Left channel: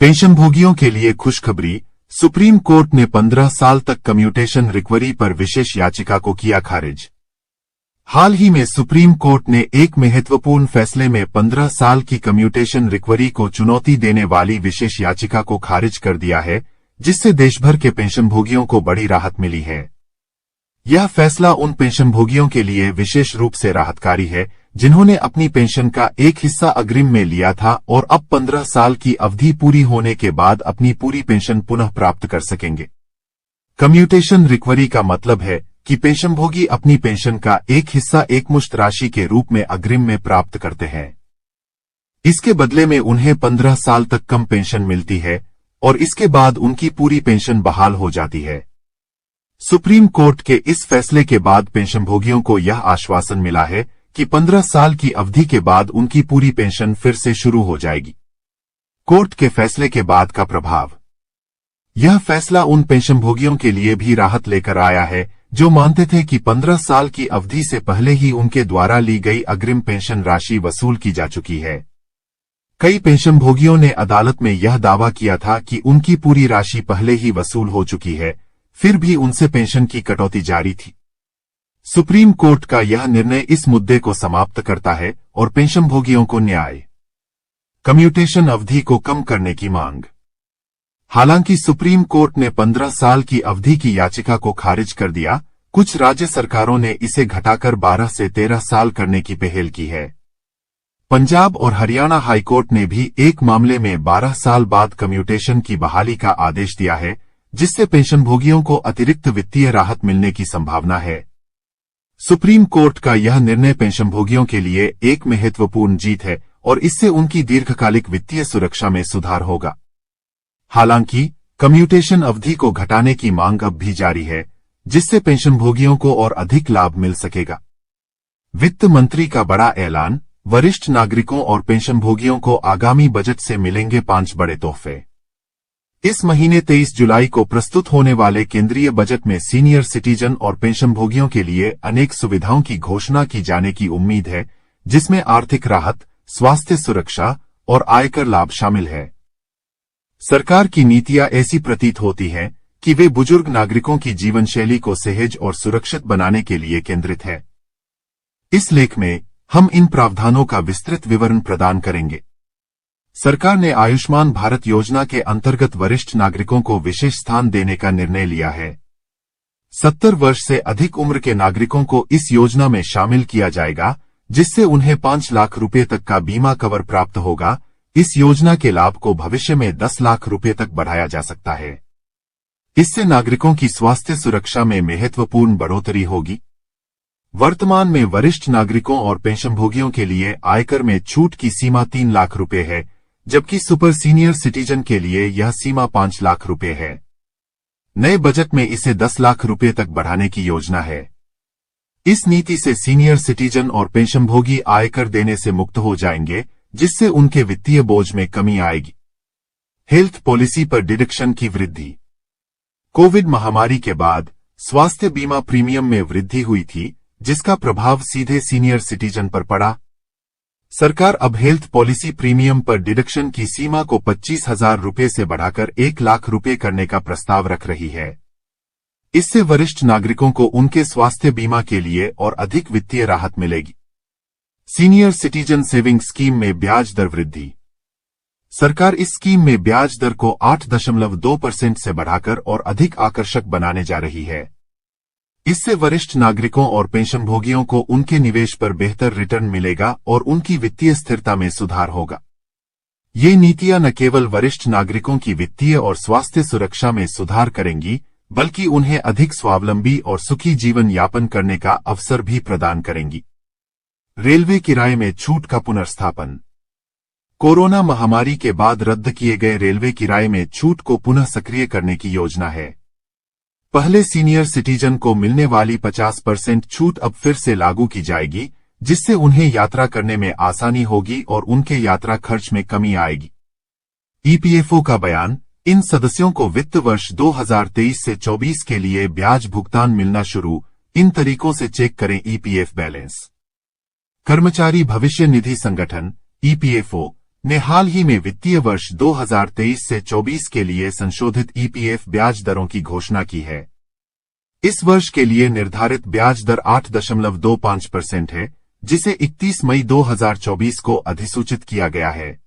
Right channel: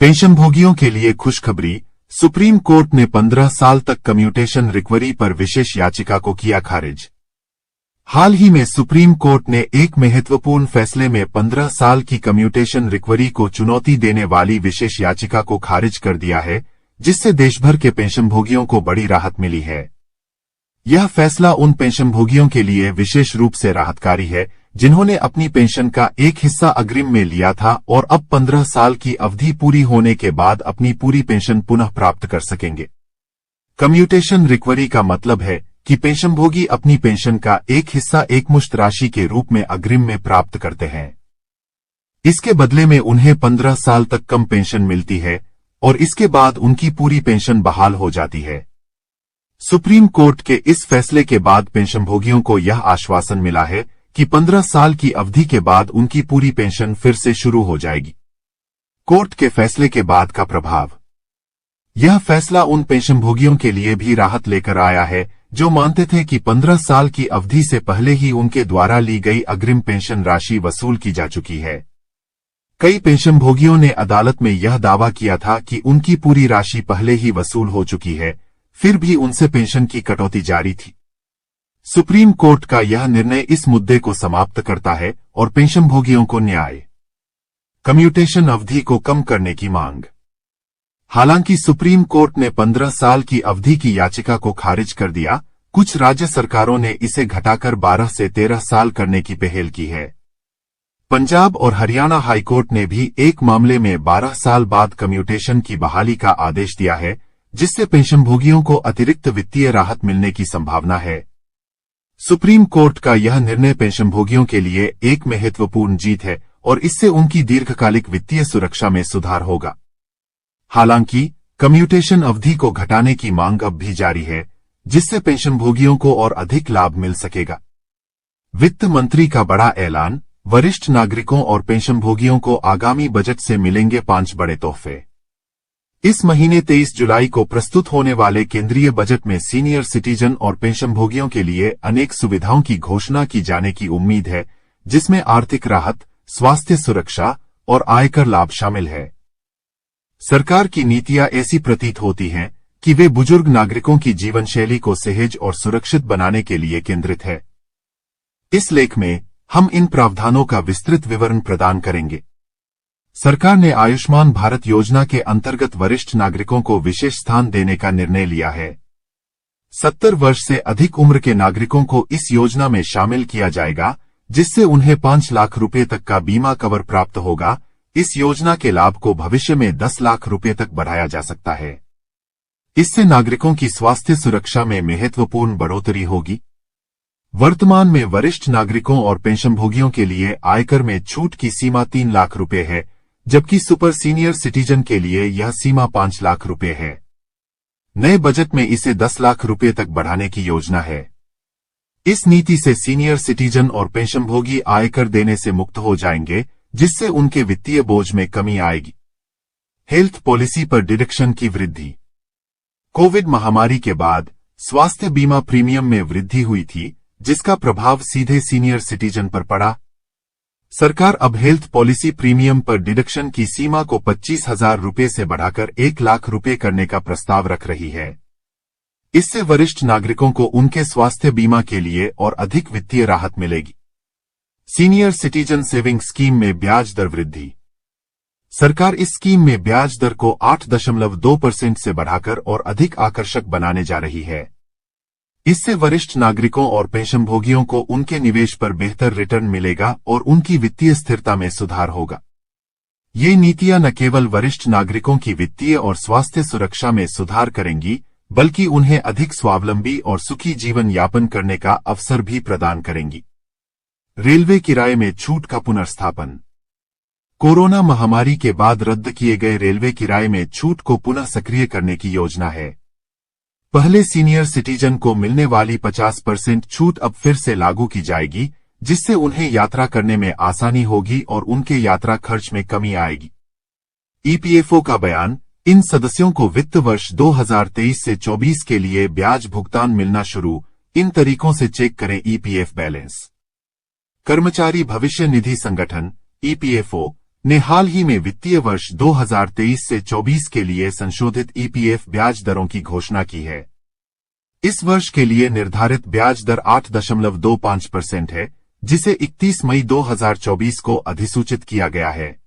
पेंशनभोगियों के लिए खुशखबरी। सुप्रीम कोर्ट ने 15 साल तक कम्यूटेशन रिकवरी पर विशेष याचिका को किया खारिज। हाल ही में सुप्रीम कोर्ट ने एक महत्वपूर्ण फैसले में 15 साल की कम्यूटेशन रिकवरी को चुनौती देने वाली विशेष याचिका को खारिज कर दिया है, जिससे देशभर के पेंशनभोगियों को बड़ी राहत मिली है। यह फैसला उन पेंशनभोगियों के लिए विशेष रूप से राहतकारी है जिन्होंने अपनी पेंशन का एक हिस्सा अग्रिम में लिया था और अब 15 साल की अवधि पूरी होने के बाद अपनी पूरी पेंशन पुनः प्राप्त कर सकेंगे। कम्यूटेशन रिकवरी का मतलब है कि पेंशनभोगी अपनी पेंशन का एक हिस्सा एकमुश्त राशि के रूप में अग्रिम में प्राप्त करते हैं। इसके बदले में उन्हें 15 साल तक कम पेंशन मिलती है और इसके बाद उनकी पूरी पेंशन बहाल हो जाती है। सुप्रीम कोर्ट के इस फैसले के बाद पेंशनभोगियों को यह आश्वासन मिला है कि 15 साल की अवधि के बाद उनकी पूरी पेंशन फिर से शुरू हो जाएगी। कोर्ट के फैसले के बाद का प्रभाव। यह फैसला उन पेंशनभोगियों के लिए भी राहत लेकर आया है जो मानते थे कि 15 साल की अवधि से पहले ही उनके द्वारा ली गई अग्रिम पेंशन राशि वसूल की जा चुकी है। कई पेंशनभोगियों ने अदालत में यह दावा किया था कि उनकी पूरी राशि पहले ही वसूल हो चुकी है, फिर भी उनसे पेंशन की कटौती जारी थी। सुप्रीम कोर्ट का यह निर्णय इस मुद्दे को समाप्त करता है और पेंशनभोगियों को न्याय। कम्यूटेशन अवधि को कम करने की मांग। हालांकि सुप्रीम कोर्ट ने 15 साल की अवधि की याचिका को खारिज कर दिया, कुछ राज्य सरकारों ने इसे घटाकर 12 से 13 साल करने की पहल की है। पंजाब और हरियाणा हाईकोर्ट ने भी एक मामले में 12 साल बाद कम्यूटेशन की बहाली का आदेश दिया है, जिससे पेंशनभोगियों को अतिरिक्त वित्तीय राहत मिलने की संभावना है। सुप्रीम कोर्ट का यह निर्णय पेंशनभोगियों के लिए एक महत्वपूर्ण जीत है और इससे उनकी दीर्घकालिक वित्तीय सुरक्षा में सुधार होगा। हालांकि कम्यूटेशन अवधि को घटाने की मांग अब भी जारी है, जिससे पेंशनभोगियों को और अधिक लाभ मिल सकेगा। वित्त मंत्री का बड़ा ऐलान। वरिष्ठ नागरिकों और पेंशनभोगियों को आगामी बजट से मिलेंगे 5 बड़े तोहफे। इस महीने 23 जुलाई को प्रस्तुत होने वाले केंद्रीय बजट में सीनियर सिटीजन और पेंशनभोगियों के लिए अनेक सुविधाओं की घोषणा की जाने की उम्मीद है, जिसमें आर्थिक राहत, स्वास्थ्य सुरक्षा और आयकर लाभ शामिल है। सरकार की नीतियां ऐसी प्रतीत होती हैं कि वे बुजुर्ग नागरिकों की जीवनशैली को सहज और सुरक्षित बनाने के लिए केंद्रित है। इस लेख में हम इन प्रावधानों का विस्तृत विवरण प्रदान करेंगे। सरकार ने आयुष्मान भारत योजना के अंतर्गत वरिष्ठ नागरिकों को विशेष स्थान देने का निर्णय लिया है। 70 वर्ष से अधिक उम्र के नागरिकों को इस योजना में शामिल किया जाएगा, जिससे उन्हें 5 लाख रुपए तक का बीमा कवर प्राप्त होगा। इस योजना के लाभ को भविष्य में 10 लाख रुपए तक बढ़ाया जा सकता है। इससे नागरिकों की स्वास्थ्य सुरक्षा में महत्वपूर्ण बढ़ोतरी होगी। वर्तमान में वरिष्ठ नागरिकों और पेंशनभोगियों के लिए आयकर में छूट की सीमा 3 लाख रुपए है, जबकि सुपर सीनियर सिटीजन के लिए यह सीमा 5 लाख रुपए है। नए बजट में इसे 10 लाख रुपए तक बढ़ाने की योजना है। इस नीति से सीनियर सिटीजन और पेंशनभोगी आयकर देने से मुक्त हो जाएंगे, जिससे उनके वित्तीय बोझ में कमी आएगी। हेल्थ पॉलिसी पर डिडक्शन की वृद्धि। कोविड महामारी के बाद स्वास्थ्य बीमा प्रीमियम में वृद्धि हुई थी, जिसका प्रभाव सीधे सीनियर सिटीजन पर पड़ा। सरकार अब हेल्थ पॉलिसी प्रीमियम पर डिडक्शन की सीमा को 25,000 रुपए से बढ़ाकर 1 लाख रुपए करने का प्रस्ताव रख रही है। इससे वरिष्ठ नागरिकों को उनके स्वास्थ्य बीमा के लिए और अधिक वित्तीय राहत मिलेगी। सीनियर सिटीजन सेविंग स्कीम में ब्याज दर वृद्धि। सरकार इस स्कीम में ब्याज दर को 8.2% से बढ़ाकर और अधिक आकर्षक बनाने जा रही है। इससे वरिष्ठ नागरिकों और पेंशनभोगियों को उनके निवेश पर बेहतर रिटर्न मिलेगा और उनकी वित्तीय स्थिरता में सुधार होगा। ये नीतियां न केवल वरिष्ठ नागरिकों की वित्तीय और स्वास्थ्य सुरक्षा में सुधार करेंगी, बल्कि उन्हें अधिक स्वावलंबी और सुखी जीवन यापन करने का अवसर भी प्रदान करेंगी। रेलवे किराए में छूट का पुनर्स्थापन। कोरोना महामारी के बाद रद्द किए गए रेलवे किराए में छूट को पुनः सक्रिय करने की योजना है। पहले सीनियर सिटीजन को मिलने वाली 50% छूट अब फिर से लागू की जाएगी, जिससे उन्हें यात्रा करने में आसानी होगी और उनके यात्रा खर्च में कमी आएगी। ईपीएफओ का बयान। इन सदस्यों को वित्त वर्ष 2023 से 24 के लिए ब्याज भुगतान मिलना शुरू। इन तरीकों से चेक करें ईपीएफ बैलेंस। कर्मचारी भविष्य निधि संगठन ईपीएफओ ने हाल ही में वित्तीय वर्ष 2023 से 24 के लिए संशोधित ईपीएफ ब्याज दरों की घोषणा की है। इस वर्ष के लिए निर्धारित ब्याज दर 8.25% है, जिसे 31 मई 2024 को अधिसूचित किया गया है।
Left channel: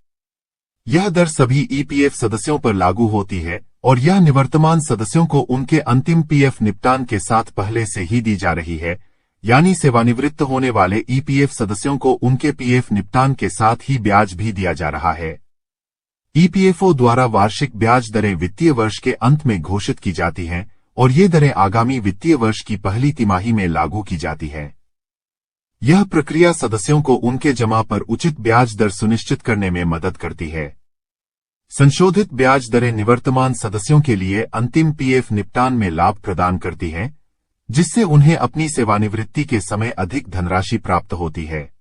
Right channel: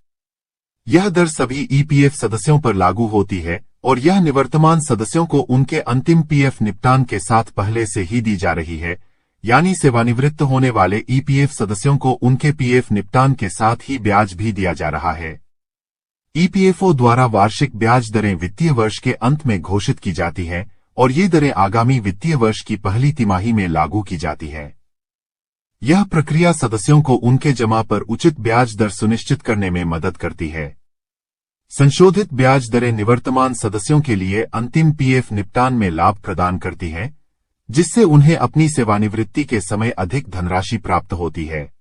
यह दर सभी ईपीएफ सदस्यों पर लागू होती है और यह निवर्तमान सदस्यों को उनके अंतिम पीएफ निपटान के साथ पहले से ही दी जा रही है, यानी सेवानिवृत्त होने वाले ईपीएफ सदस्यों को उनके पीएफ निपटान के साथ ही ब्याज भी दिया जा रहा है। ईपीएफओ द्वारा वार्षिक ब्याज दरें वित्तीय वर्ष के अंत में घोषित की जाती हैं और ये दरें आगामी वित्तीय वर्ष की पहली तिमाही में लागू की जाती है। यह प्रक्रिया सदस्यों को उनके जमा पर उचित ब्याज दर सुनिश्चित करने में मदद करती है। संशोधित ब्याज दरें निवर्तमान सदस्यों के लिए अंतिम पीएफ निपटान में लाभ प्रदान करती हैं, जिससे उन्हें अपनी सेवानिवृत्ति के समय अधिक धनराशि प्राप्त होती है।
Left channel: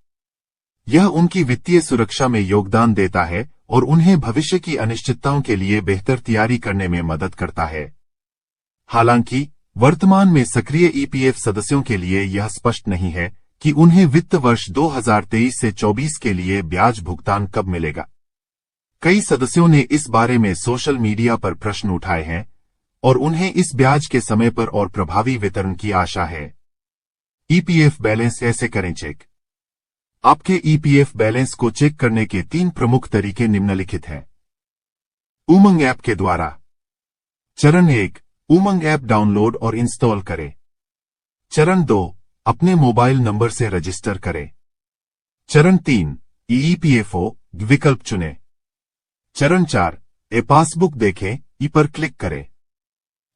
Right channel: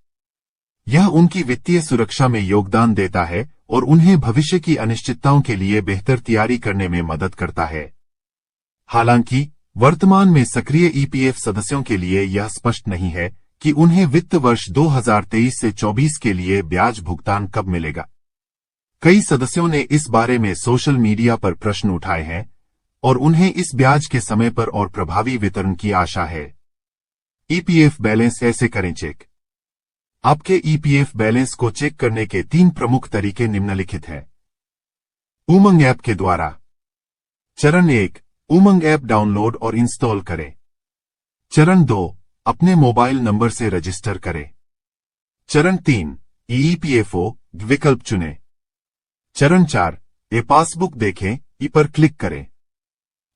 यह उनकी वित्तीय सुरक्षा में योगदान देता है और उन्हें भविष्य की अनिश्चितताओं के लिए बेहतर तैयारी करने में मदद करता है। हालांकि वर्तमान में सक्रिय ईपीएफ सदस्यों के लिए यह स्पष्ट नहीं है कि उन्हें वित्त वर्ष 2023 से 24 के लिए ब्याज भुगतान कब मिलेगा। कई सदस्यों ने इस बारे में सोशल मीडिया पर प्रश्न उठाए हैं और उन्हें इस ब्याज के समय पर और प्रभावी वितरण की आशा है। ईपीएफ बैलेंस ऐसे करें चेक। आपके ईपीएफ बैलेंस को चेक करने के 3 प्रमुख तरीके निम्नलिखित हैं। उमंग ऐप के द्वारा। चरण 1, उमंग ऐप डाउनलोड और इंस्टॉल करें। चरण 2, अपने मोबाइल नंबर से रजिस्टर करें। चरण 3, ईपीएफओ विकल्प चुनें। चरण 4, पासबुक देखें, ई पर क्लिक करें।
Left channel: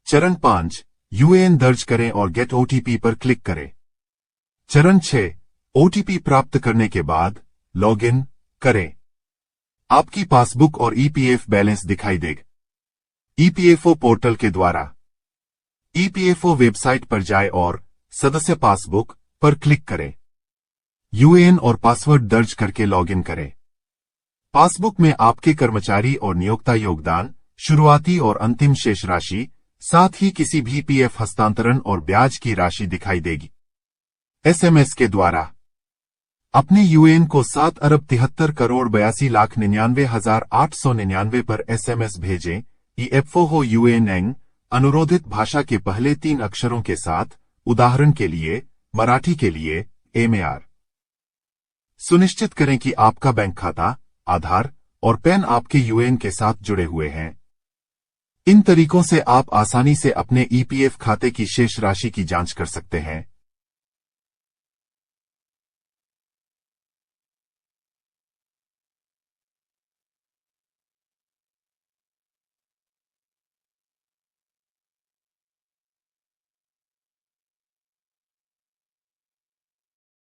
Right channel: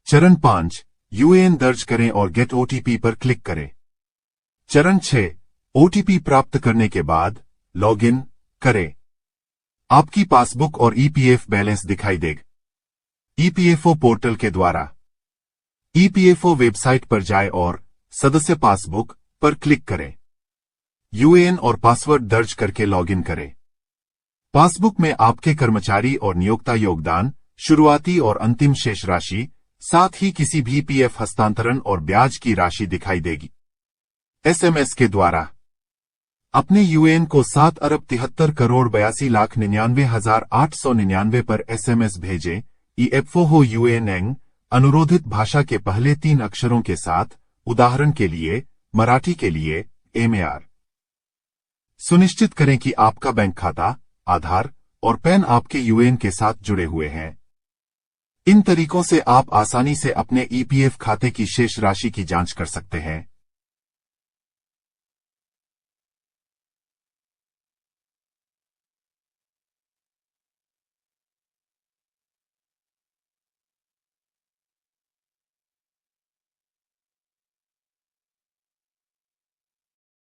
चरण 5, यूएएन दर्ज करें और गेट ओटीपी पर क्लिक करें। चरण 6, ओटीपी प्राप्त करने के बाद लॉगिन करें। आपकी पासबुक और ईपीएफ बैलेंस दिखाई देगा। ईपीएफओ पोर्टल के द्वारा। ईपीएफओ वेबसाइट पर जाएं और सदस्य पासबुक पर क्लिक करें। यूएएन और पासवर्ड दर्ज करके लॉगिन करें। पासबुक में आपके कर्मचारी और नियोक्ता योगदान, शुरुआती और अंतिम शेष राशि, साथ ही किसी भी पीएफ हस्तांतरण और ब्याज की राशि दिखाई देगी। एसएमएस के द्वारा। अपने यूएएन को 7,83,82,99,899 पर एसएमएस भेजें। ईएफओ हो यूएएन अनुरोधित भाषा के पहले 3 अक्षरों के साथ, उदाहरण के लिए मराठी के लिए एमआर। सुनिश्चित करें कि आपका बैंक खाता, आधार और पैन आपके यूएएन के साथ जुड़े हुए हैं। इन तरीकों से आप आसानी से अपने ईपीएफ खाते की शेष राशि की जांच कर सकते हैं।